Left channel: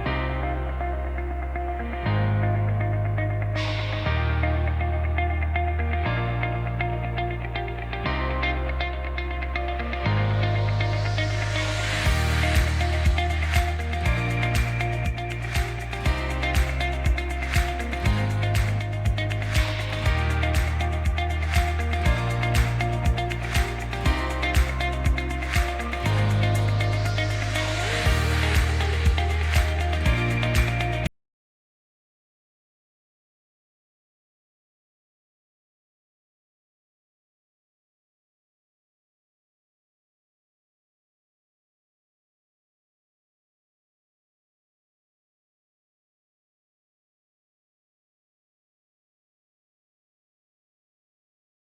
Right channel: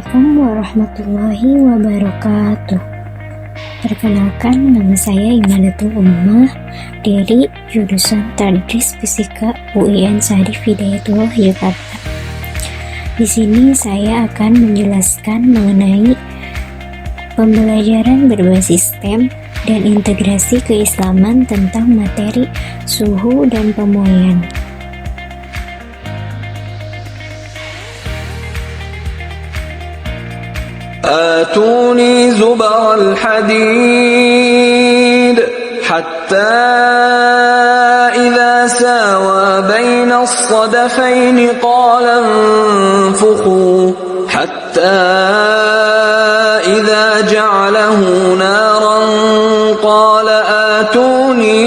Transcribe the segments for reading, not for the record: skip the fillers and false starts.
Assalamualaikum warahmatullahi wabarakatuh. Perkenalkan, nama saya Imanatul Ummah dari jurusan Tadris Fisika UIN Syarif Hidayatullah Yogyakarta. Di sini saya akan menjelaskan mengenai pembelajaran berbasis STEM dan integrasi keislaman tentang materi suhu dan pemuaian. آتوني زبر الحديد حتى إذا ساوى بين الصدفين قال انفخوا حتى إذا جعله نارا قال آتوني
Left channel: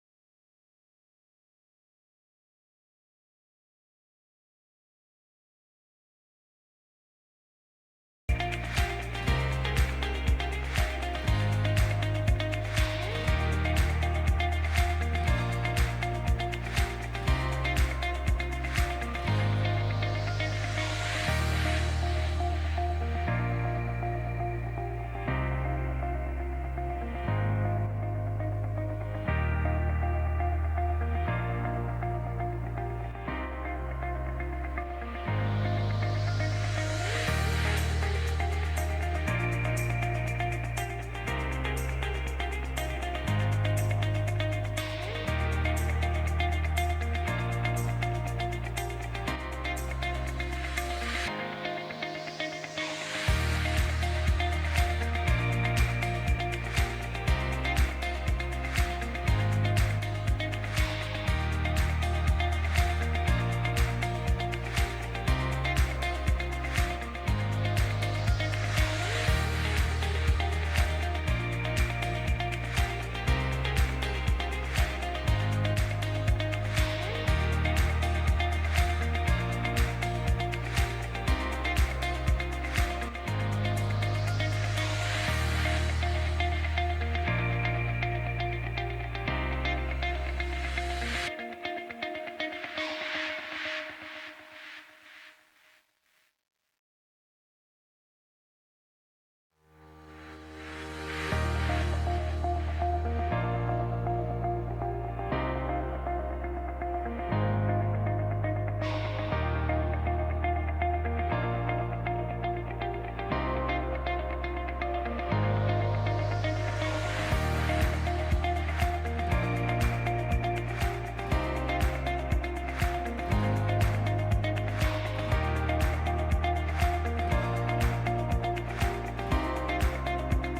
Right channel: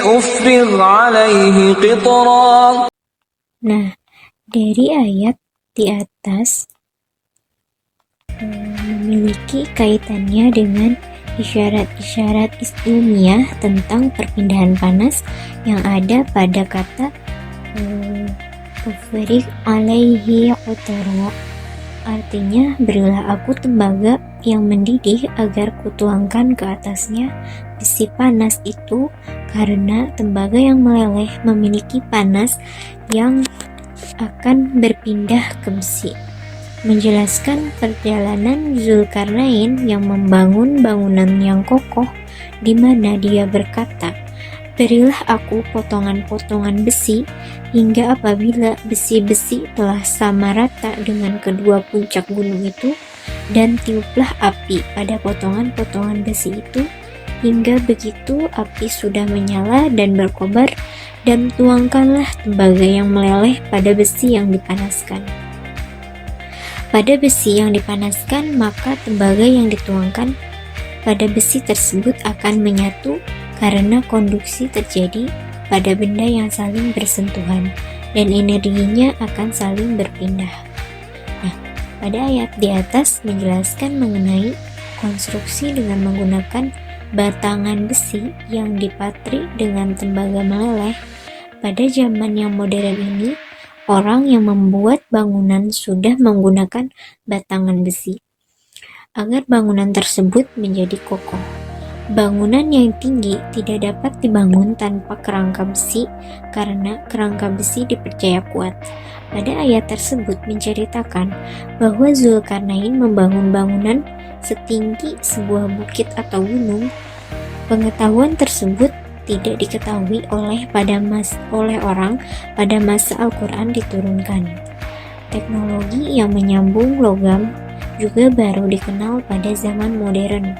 أفرغ عليه قطرا. Nah, dari ayat di atas memiliki kaitannya dengan isyarat-isyarat ilmiah tentang perpindahan panas yang ada pada kata ufriq alaihi qutara. Artinya, berilah aku tembaga yang mendidih agar kutuangkan ke atasnya besi panas itu, karena tembaga yang meleleh memiliki panas yang akan berpindah ke besi. Menjelaskan perjalanan Zulkarnain yang membangun bangunan yang kokoh, di mana dia berkata, "Berilah aku potongan-potongan besi, hingga apabila besi-besi telah sama rata dengan kedua puncak gunung itu, dan tiuplah api pada potongan-potongan besi itu, hingga begitu api sudah menyala dan berkobar, dan tuangkanlah tembaga yang meleleh pada besi yang dipanaskan." Pada besi yang dipanaskan, maka tembaga yang dituangkan pada besi tersebut akan menyatu karena konduksi terjadi pada benda yang saling bersentuhan dan energinya akan saling berpindah. Nah, pada ayat di atas menjelaskan mengenai konstruksi dengan menggunakan batangan besi yang dipatri dengan tembaga meleleh. Pada zaman yang modern ini, orang yang membuat bangunan sudah menggunakan batangan besi agar bangunan tersebut menjadi kokoh. Bangunan yang tinggi tidak dapat dibangun tanpa kerangka besi karena kerangka besi dipercaya kuat. Pada ayat tersebut menceritakan bahwa Zulkarnain membangun bangunan setinggi sebuah bukit atau gunung. Pengetahuan tersebut tidak diketahui oleh orang pada masa Al-Quran diturunkan. Teknologi yang menyambung logam juga baru dikenal pada zaman modern,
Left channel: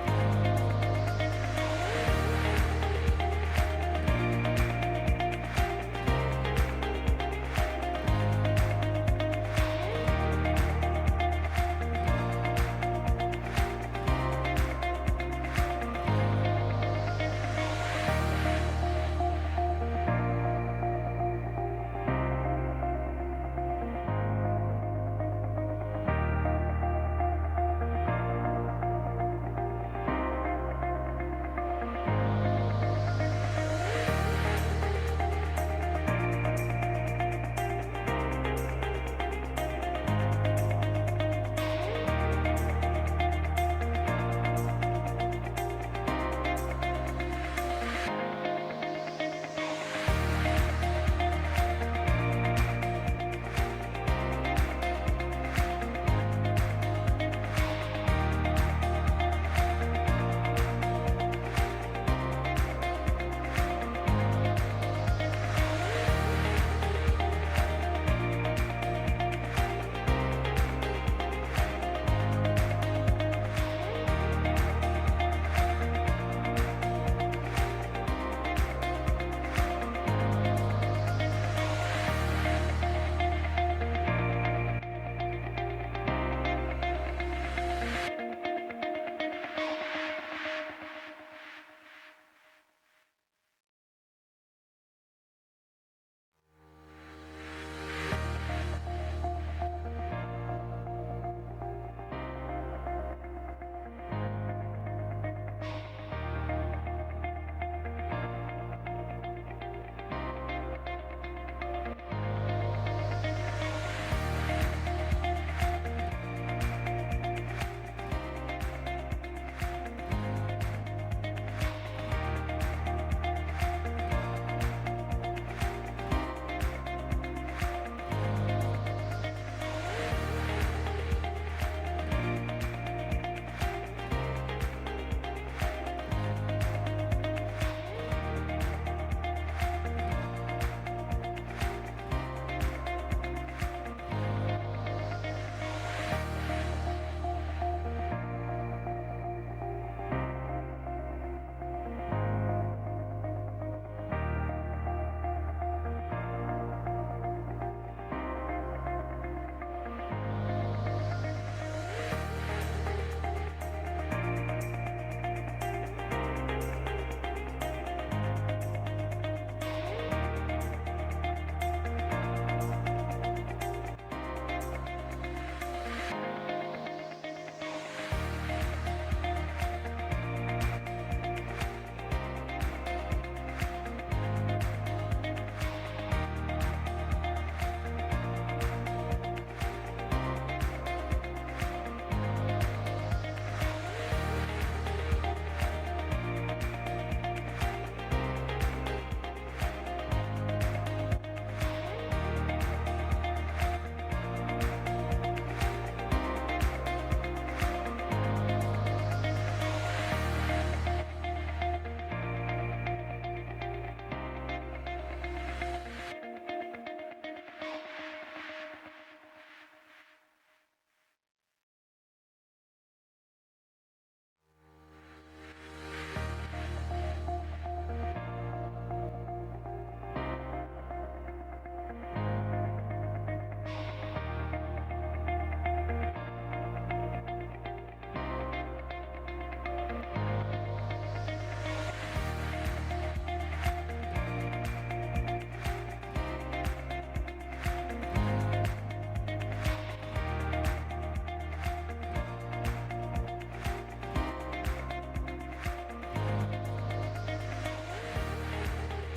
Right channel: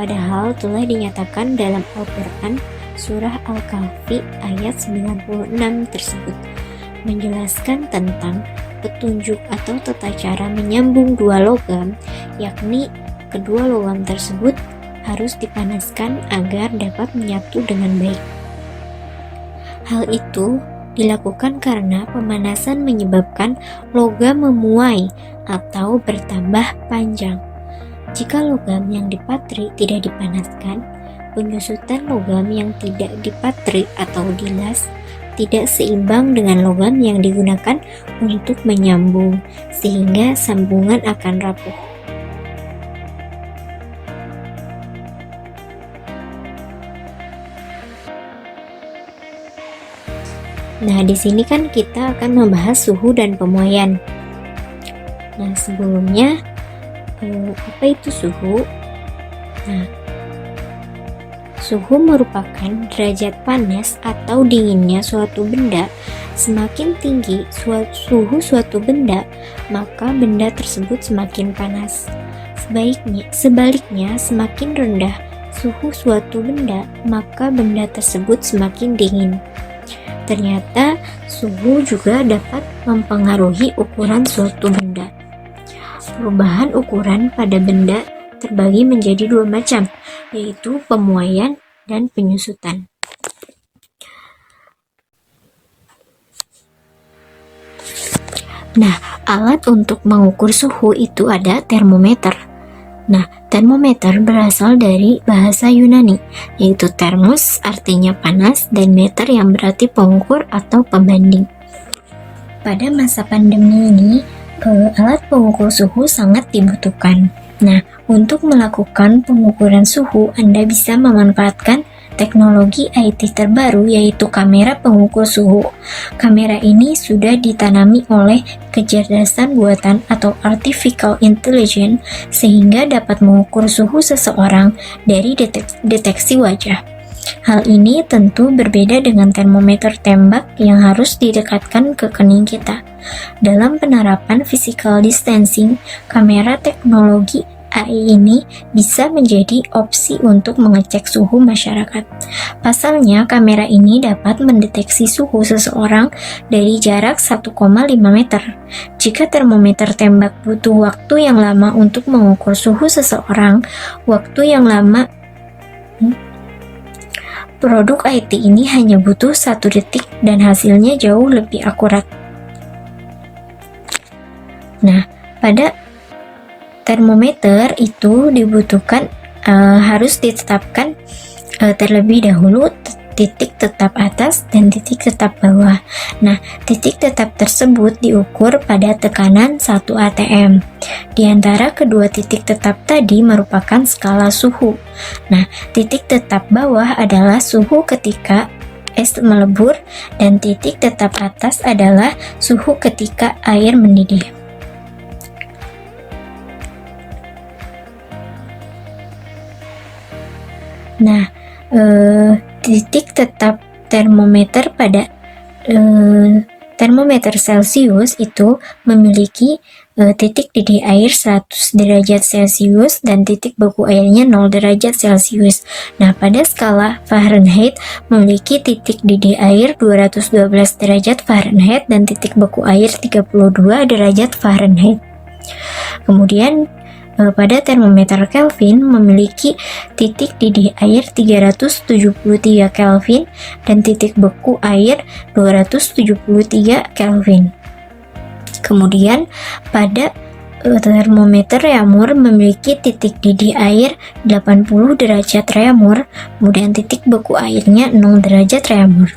padahal telah dinyatakan dalam Al-Quran surah Al-Kahfi ayat 96 tersebut menjelaskan tentang petunjuk atau tata cara menyambung dua logam, yakni kedua logam tersebut harus dipanaskan agar dapat menyatu dengan baik. Hal itu dilakukan karena pemanasan menyebabkan logam memuai atau bertambah panjang. Jika logam yang dipatri tidak dipanaskan, penyusutan logam yang tidak dipatri atau dilas tidak seimbang dengan logam yang digunakan untuk menyambung, sehingga sambungan akan rapuh. Nah, di sini kan kita akan membahas suhu dan pemuaian. Nah, sebelumnya apa itu suhu? Nah, suhu merupakan derajat panas atau dinginnya suatu benda. Semakin tinggi suhu suatu benda, maka benda tersebut semakin panas. Sebaliknya, semakin rendah suhu suatu benda, maka benda tersebut semakin dingin. Ternyata suhu juga dapat mempengaruhi ukuran suatu benda. Perubahan ukuran pada benda terbagi menjadi dua macam, yaitu pemuaian dan penyusutan. Nah, alat untuk mengukur suhu itu ada termometer. Nah, termometer berasal dari bahasa Yunani, yaitu thermos artinya panas dan meter yang berarti pengukur atau pembanding. Pada masa pandemi ini, alat pengukur suhu sangat dibutuhkan. Nah, untuk melakukan pengukuran suhu, Anda bisa memanfaatkan teknologi IT terbaru, yaitu kamera pengukur suhu. Kamera ini sudah ditanami oleh kecerdasan buatan atau artificial intelligence sehingga dapat mengukur suhu seseorang dari deteksi wajah. Hal ini tentu berbeda dengan termometer tembak yang harus didekatkan ke kening kita. Dalam penerapan physical distancing, kamera teknologi AI ini bisa menjadi opsi untuk mengecek suhu masyarakat. Pasalnya, kamera ini dapat mendeteksi suhu seseorang dari jarak 1,5 meter. Jika termometer tembak butuh waktu yang lama untuk mengukur suhu seseorang, produk IT ini hanya butuh 1 detik dan hasilnya jauh lebih akurat. Nah, pada termometer itu dibutuhkan harus ditetapkan terlebih dahulu titik tetap atas dan titik tetap bawah. Nah, titik tetap tersebut diukur pada tekanan 1 atm. Di antara kedua titik tetap tadi merupakan skala suhu. Nah, titik tetap bawah adalah suhu ketika es melebur dan titik tetap atas adalah suhu ketika air mendidih. Nah, titik tetap termometer pada termometer Celcius itu memiliki titik didih air 100 derajat Celcius dan titik beku airnya 0 derajat Celcius. Nah, pada skala Fahrenheit memiliki titik didih air 212 derajat Fahrenheit dan titik beku air 32 derajat Fahrenheit. Kemudian pada termometer Kelvin memiliki titik didih air 373 Kelvin dan titik beku air 273 Kelvin. Kemudian pada termometer Reaumur memiliki titik didih air 80 derajat Reaumur, kemudian titik beku airnya 0 derajat Reaumur.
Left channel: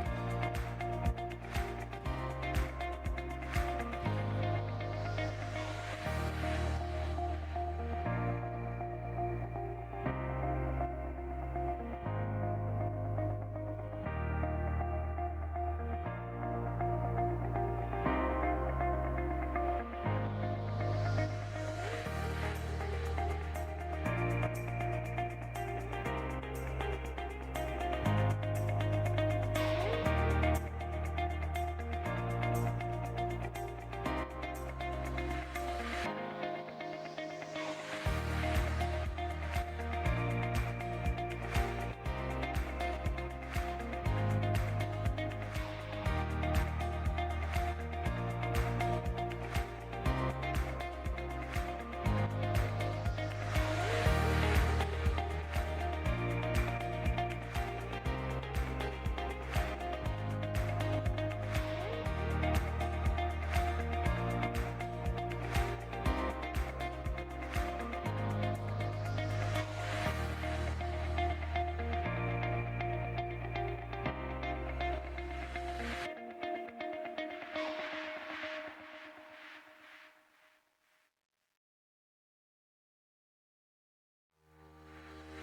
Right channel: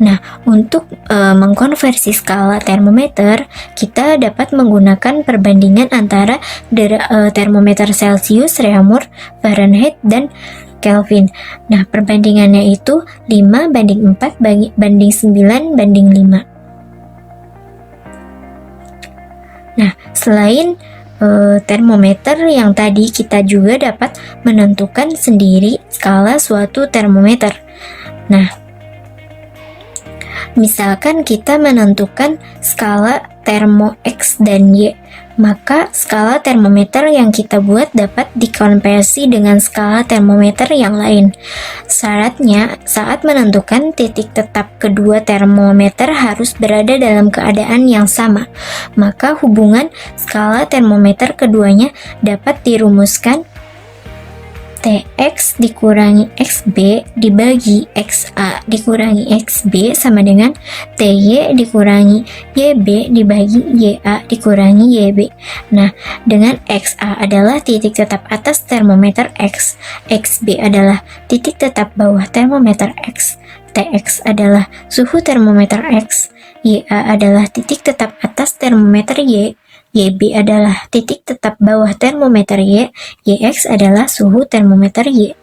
Nah, untuk mengkonversi skala termometer, kita dapat menggunakan perbandingan antara termometer Celcius, Reaumur, Fahrenheit, dan Kelvin. Nah, perbandingannya itu 5:4 banding 9 banding 5. Nah, selain termometer yang tadi, kita juga dapat menentukan sendiri skala suatu termometer. Nah, misalkan kita menentukan skala termo X dan Y, maka skala termometer yang kita buat dapat dikonversi dengan skala termometer yang lain. Syaratnya, saat menentukan titik tetap kedua termometer harus berada dalam keadaan yang sama. Maka hubungan skala termometer keduanya dapat dirumuskan TX dikurangi XB dibagi XA dikurangi XB sama dengan TY dikurangi YB dibagi YA dikurangi YB. Nah, dengan XA adalah titik tetap atas termometer X, XB adalah titik tetap bawah termometer X, TX adalah suhu termometer X, YA adalah titik tetap atas termometer Y, YB adalah titik tetap bawah termometer Y, YX adalah suhu termometer Y.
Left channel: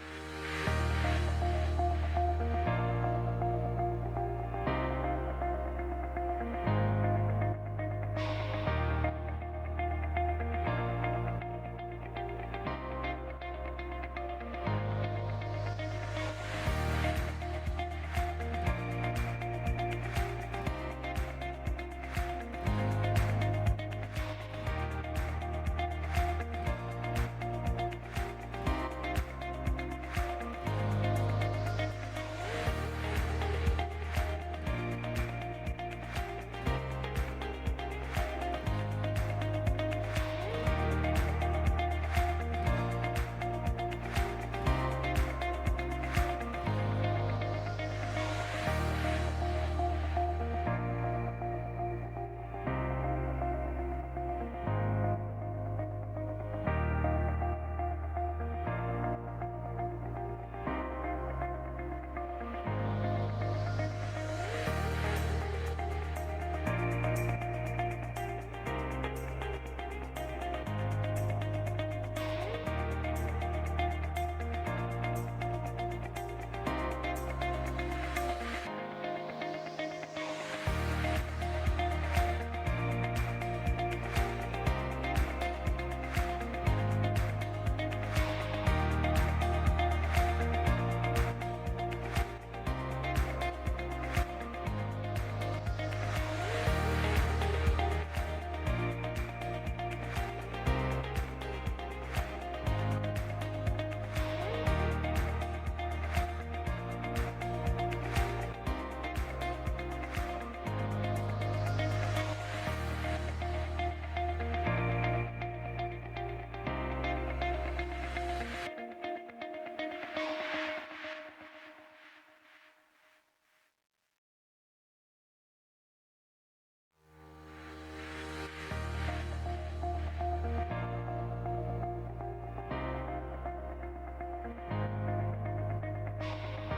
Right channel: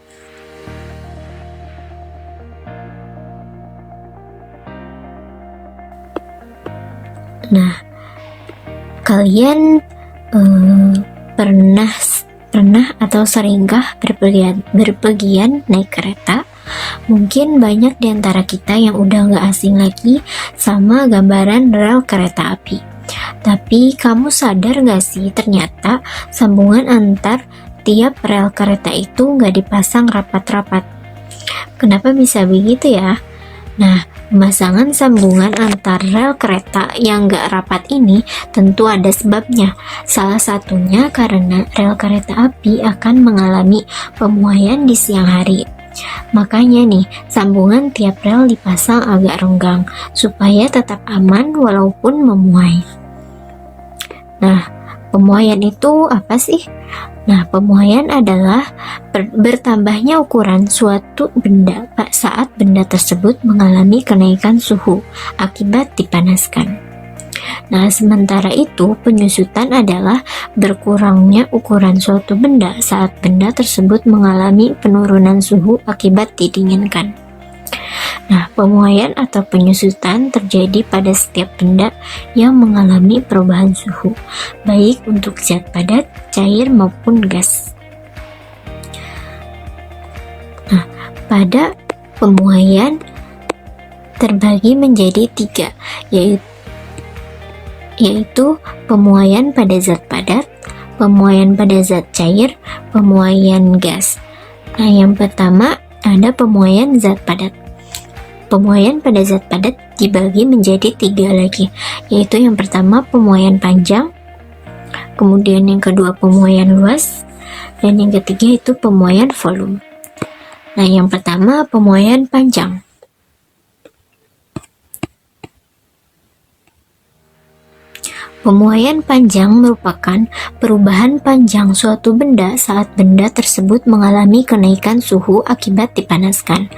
Nah, kalian pernah atau seringkah berpergian naik kereta? Mungkin banyak di antara kita yang udah gak asing lagi sama gambaran rel kereta api. Tapi kamu sadar gak sih ternyata sambungan antar tiap rel kereta itu gak dipasang rapat-rapat. Kenapa bisa begitu ya? Nah, pemasangan sambungan antar rel kereta yang gak rapat ini tentu ada sebabnya. Salah satunya karena rel kereta api akan mengalami pemuaian di siang hari. Makanya nih, sambungan tiap rel dipasang agak renggang supaya tetap aman walaupun memuai. Nah, pemuaian itu apa sih? Nah, pemuaian adalah bertambahnya ukuran suatu benda saat benda tersebut mengalami kenaikan suhu akibat dipanaskan. Nah, sementara itu penyusutan adalah berkurangnya ukuran suatu benda saat benda tersebut mengalami penurunan suhu akibat didinginkan. Nah, pemuaian atau penyusutan terjadi pada setiap benda yang mengalami perubahan suhu, baik untuk zat padat, cair maupun gas. Nah, pada pemuaian terbagi menjadi 3, yaitu pemuaian pada zat padat, pemuaian pada zat cair, pemuaian gas. Nah, yang pertama ada pemuaian zat padat. Pemuaian pada zat padat dibagi menjadi 3 lagi, yaitu yang pertama pemuaian panjang, kemudian yang kedua pemuaian luas, dan yang ketiga itu pemuaian volume. Nah, yang pertama pemuaian panjang. Pemuaian panjang merupakan perubahan panjang suatu benda saat benda tersebut mengalami kenaikan suhu akibat dipanaskan.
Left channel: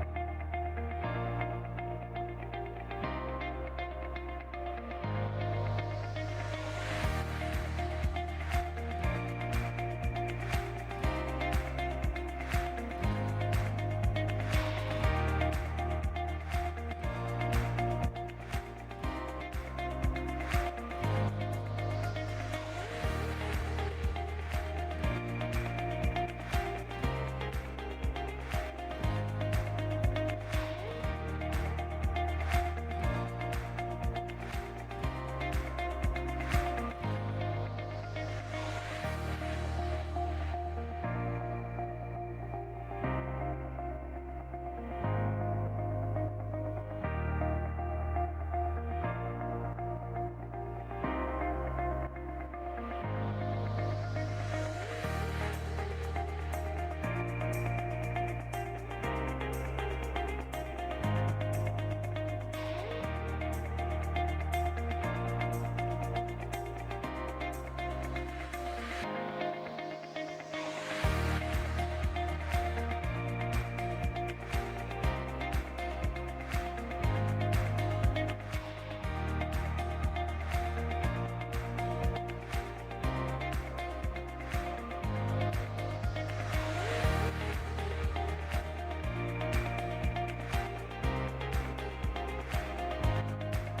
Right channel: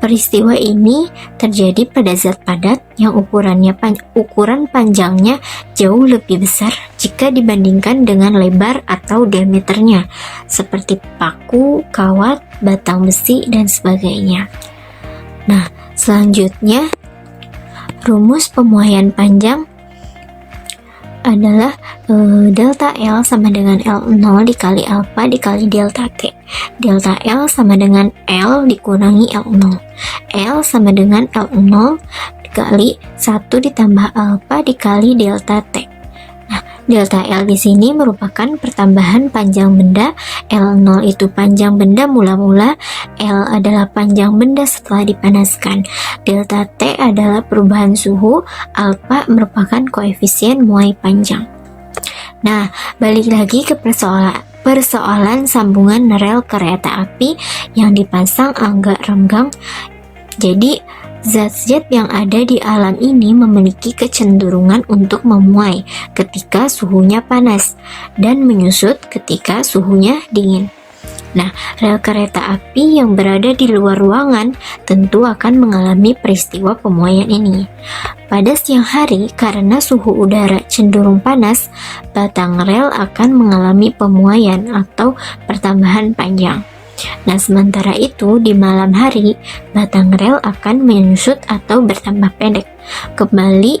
Peristiwa ini terjadi pada zat padat yang ukuran panjangnya jauh lebih besar jika dibandingkan dengan lebar atau diameternya, seperti paku, kawat, batang besi, dan sebagainya. Nah, selanjutnya rumus pemuaian panjang adalah delta L sama dengan L0 dikali alpha dikali delta T. Delta L sama dengan L dikurangi L0. L sama dengan L0 dikali 1 ditambah alpha dikali delta T. Nah, delta L di sini merupakan pertambahan panjang benda, L0 itu panjang benda mula-mula, L adalah panjang benda setelah dipanaskan. Delta T adalah perubahan suhu, alpha merupakan koefisien muai panjang. Nah, balik lagi ke persoalan sambungan rel kereta api yang dipasang agak renggang. Jadi, zat-zat yang ada di alam ini memiliki kecenderungan untuk memuai ketika suhunya panas dan menyusut ketika suhunya dingin. Nah, rel kereta api yang berada di luar ruangan tentu akan mengalami peristiwa pemuaian ini. Pada siang hari, karena suhu udara cenderung panas, batang rel akan mengalami pemuaian atau pertambahan panjang. Nah, sementara itu di malam hari, batang rel akan menyusut atau bertambah pendek, kembali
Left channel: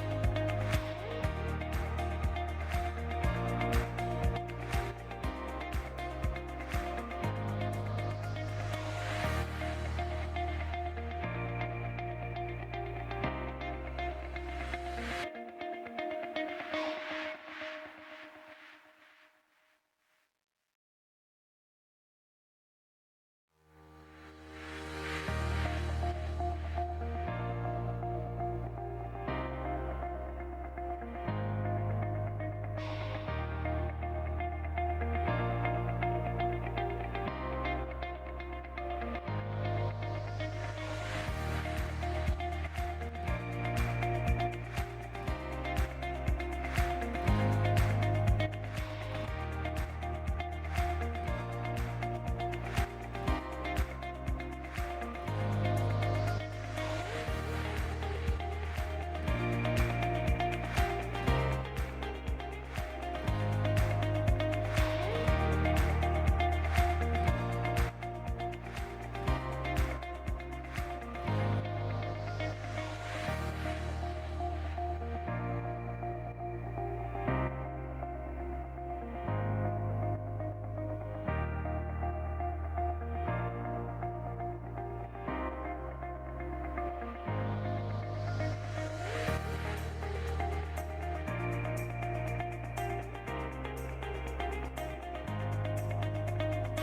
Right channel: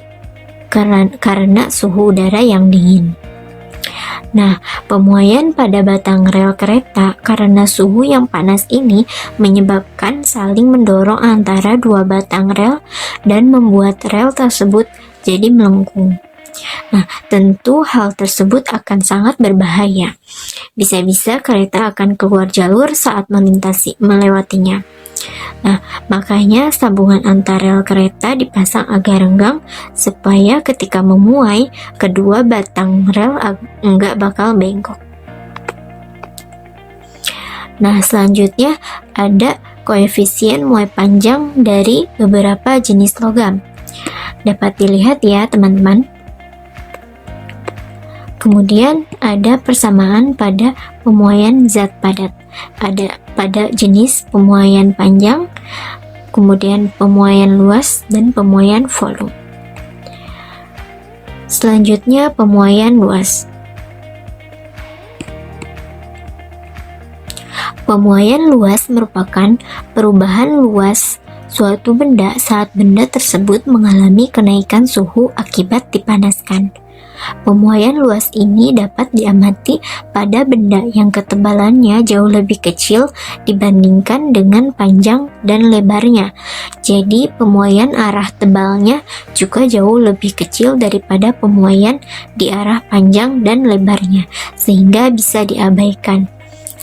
karena suhu udara yang dingin. Nah, pemuaian pada batang rel kereta karena suhu yang panas ini menyebabkan saling mendorong antara dua batang rel dan membuat rel tersebut jadi melengkung. Nah, tentu hal tersebut akan sangat berbahaya. Bisa-bisa kereta akan keluar jalur saat melewatinya. Nah, makanya sambungan antar rel kereta dipasang agak renggang supaya ketika memuai, kedua batang rel enggak bakal bengkok. Nah, selanjutnya ada koefisien muai panjang dari beberapa jenis logam. Dapat dilihat ya, teman-teman. Kemudian ada persamaan pada pemuaian zat padat. Ada pada jenis pemuaian panjang, kemudian pemuaian luas, dan pemuaian volume. Selanjutnya pemuaian luas. Pemuaian luas merupakan perubahan luas suatu benda saat benda tersebut mengalami kenaikan suhu akibat dipanaskan. Pemuaian luas ini dapat diamati pada benda yang ketebalannya jauh lebih kecil dibandingkan dengan panjang dan lebarnya. Jadi pemuaian arah tebalnya juga jauh lebih kecil daripada pemuaian di arah panjang dan lebarnya, sehingga bisa diabaikan.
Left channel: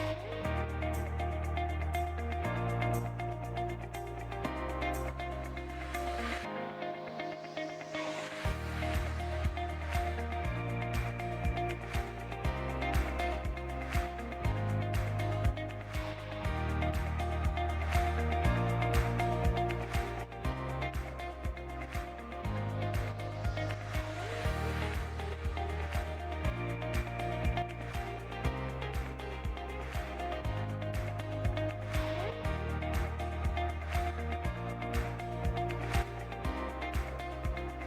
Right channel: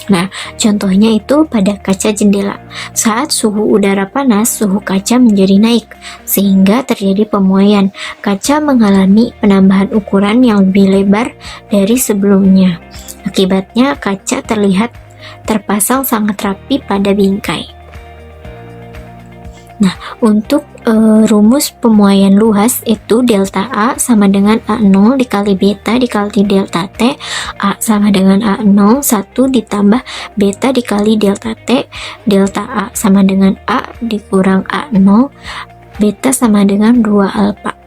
Nah, contohnya itu pada kaca jendela. Saat suhu udara panas, suhu kaca menjadi naik, sehingga terjadi pemuaian. Kaca mengalami penambahan ukuran yang lebih lebar dari sebelumnya. Akibatnya, kaca terlihat terpasang sangat rapi pada bingkai. Nah, untuk rumus pemuaian luas itu delta A sama dengan A0 dikali beta dikali delta T. A sama dengan A0, 1 ditambah beta dikali delta T. Delta A sama dengan A dikurang A0, beta sama dengan 2 alfa.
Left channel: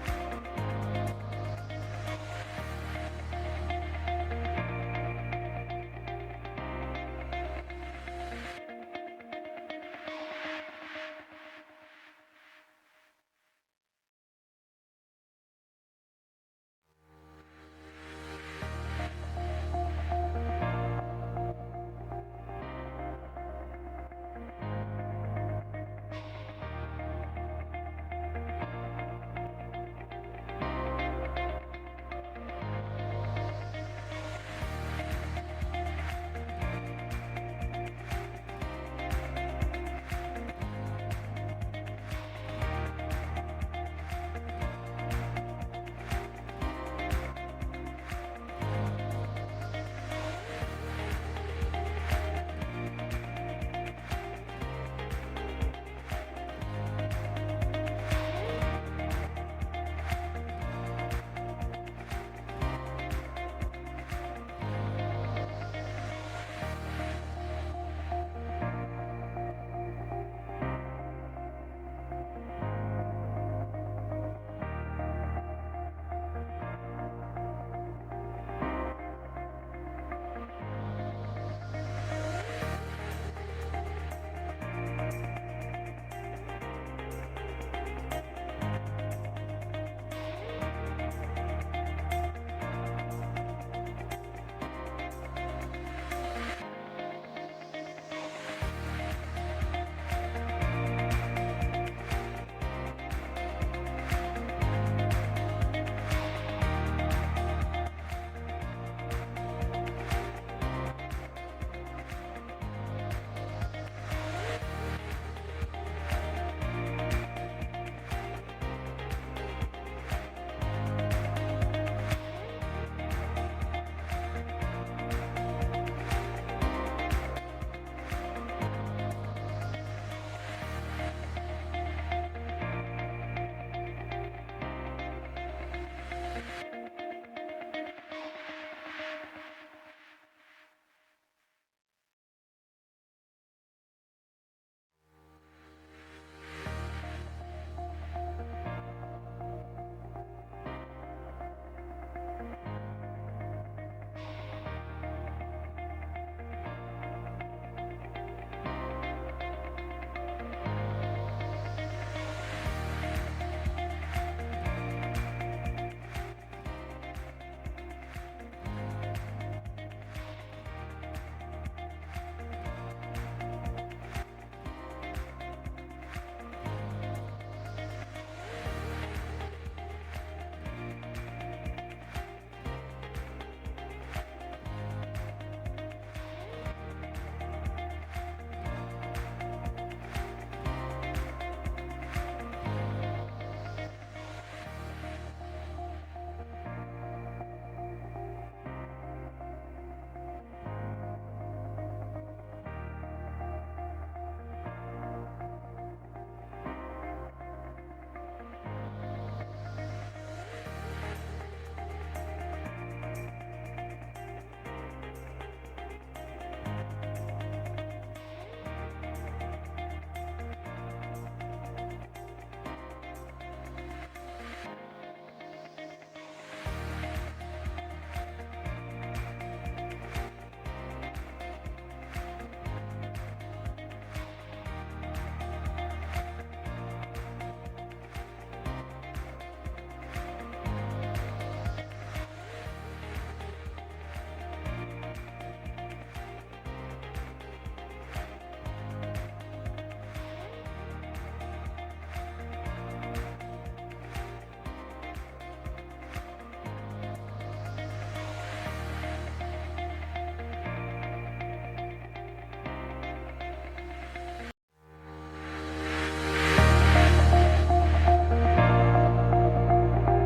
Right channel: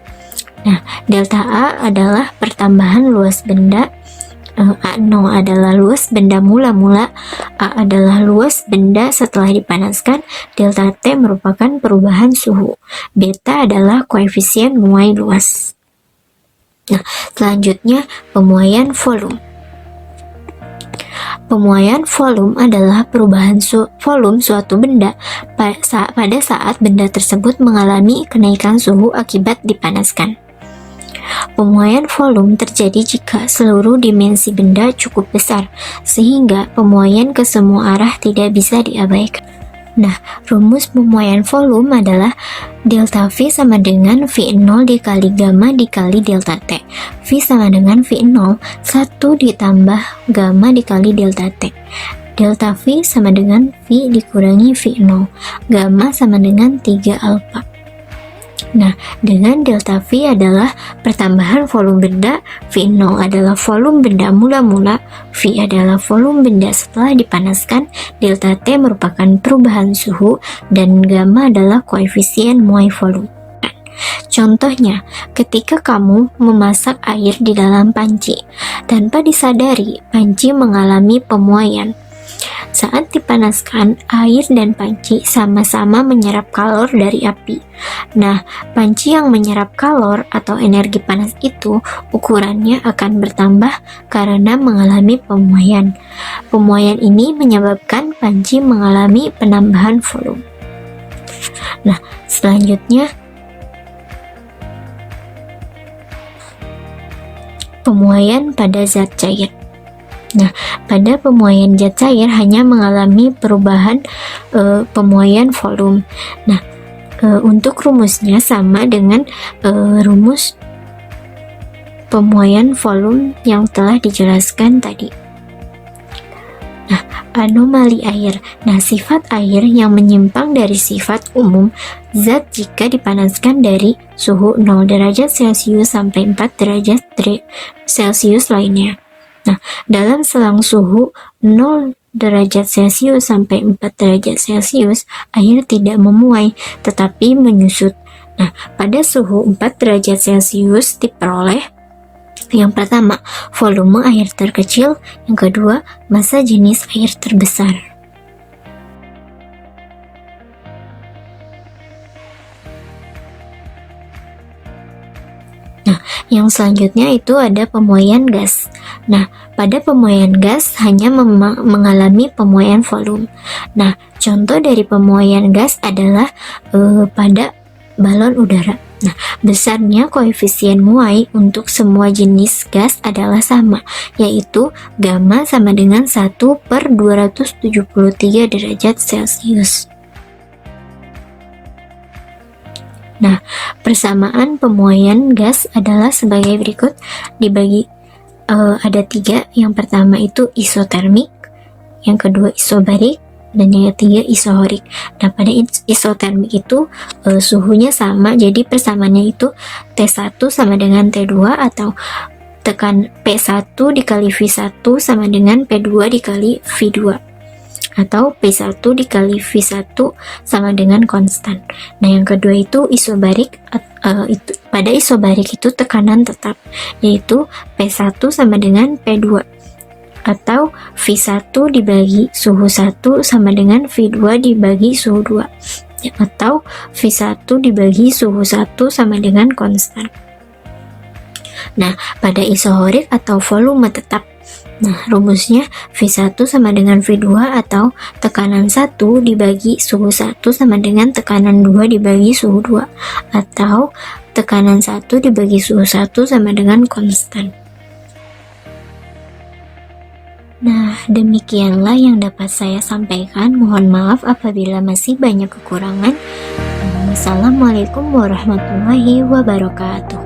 Nah, delta A adalah pertambahan luas benda, A0 adalah luas benda mula-mula, A adalah luas benda setelah dipanaskan, delta T merupakan perubahan suhu, beta adalah koefisien muai luas. Nah, selanjutnya pemuaian volume. Pemuaian volume adalah perubahan volume suatu benda pada saat benda tersebut mengalami kenaikan suhu akibat dipanaskan. Pemuaian volume terjadi jika seluruh dimensi benda cukup besar, sehingga pemuaian ke semua arah tidak bisa diabaikan. Nah, rumus pemuaian volume adalah delta V sama dengan V0 dikali gamma dikali delta T. V sama dengan V0, 1 ditambah gamma dikali delta T. Delta V sama dengan V dikurangi V0. Gamma sama dengan 3 alfa. Nah, dengan delta V adalah pertambahan volume benda, V0 adalah volume benda mula-mula, V adalah volume benda setelah dipanaskan, delta T merupakan perubahan suhu, dan gamma adalah koefisien muai volume. Contohnya, ketika kamu memasak air di dalam panci, tanpa disadari, panci mengalami pemuaian. Saat dipanaskan, air dan panci sama-sama menyerap kalor dari api. Nah, panci yang menyerap kalor atau energi panas itu ukurannya akan bertambah karena mengalami pemuaian. Pemuaian ini menyebabkan panci mengalami penambahan volume. Nah, selanjutnya pemuaian pada zat cair. Nah, pada pemuaian zat cair hanya mengalami perubahan pemuaian volume. Nah, untuk rumusnya sama dengan rumus pemuaian volume yang telah dijelaskan tadi. Nah, anomali air. Nah, sifat air yang menyimpang dari sifat umum zat jika dipanaskan dari suhu 0 derajat Celcius sampai 4 derajat Celcius lainnya. Nah, dalam selang suhu 0 derajat Celcius sampai 4 derajat Celcius, air tidak memuai, tetapi menyusut. Nah, pada suhu 4 derajat Celcius diperoleh yang pertama, volume air terkecil, yang kedua, massa jenis air terbesar. Nah, yang selanjutnya itu ada pemuaian gas. Nah, pada pemuaian gas hanya mengalami pemuaian volume. Nah, contoh dari pemuaian gas adalah pada balon udara. Nah, besarnya koefisien muai untuk semua jenis gas adalah sama, yaitu gamma sama dengan 1/273 derajat Celcius. Nah, persamaan pemuaian gas adalah sebagai berikut, dibagi ada 3. Yang pertama itu isotermik, yang kedua isobarik, dan yang ketiga isohorik. Nah, pada isotermik itu suhunya sama, jadi persamaannya itu T1 sama dengan T2 atau tekan P1 dikali V1 sama dengan P2 dikali V2. Atau P1 dikali V1 sama dengan konstan. Nah, yang kedua itu isobarik. Pada isobarik itu tekanan tetap, yaitu P1 sama dengan P2 atau V1 dibagi suhu 1 sama dengan V2 dibagi suhu 2 atau V1 dibagi suhu 1 sama dengan konstan. Nah, pada isohorik atau volume tetap, nah, rumusnya V1 sama dengan V2 atau tekanan 1 dibagi suhu 1 sama dengan tekanan 2 dibagi suhu 2 atau tekanan 1 dibagi suhu 1 sama dengan konstan. Nah, demikianlah yang dapat saya sampaikan. Mohon maaf apabila masih banyak kekurangan. Assalamualaikum warahmatullahi wabarakatuh.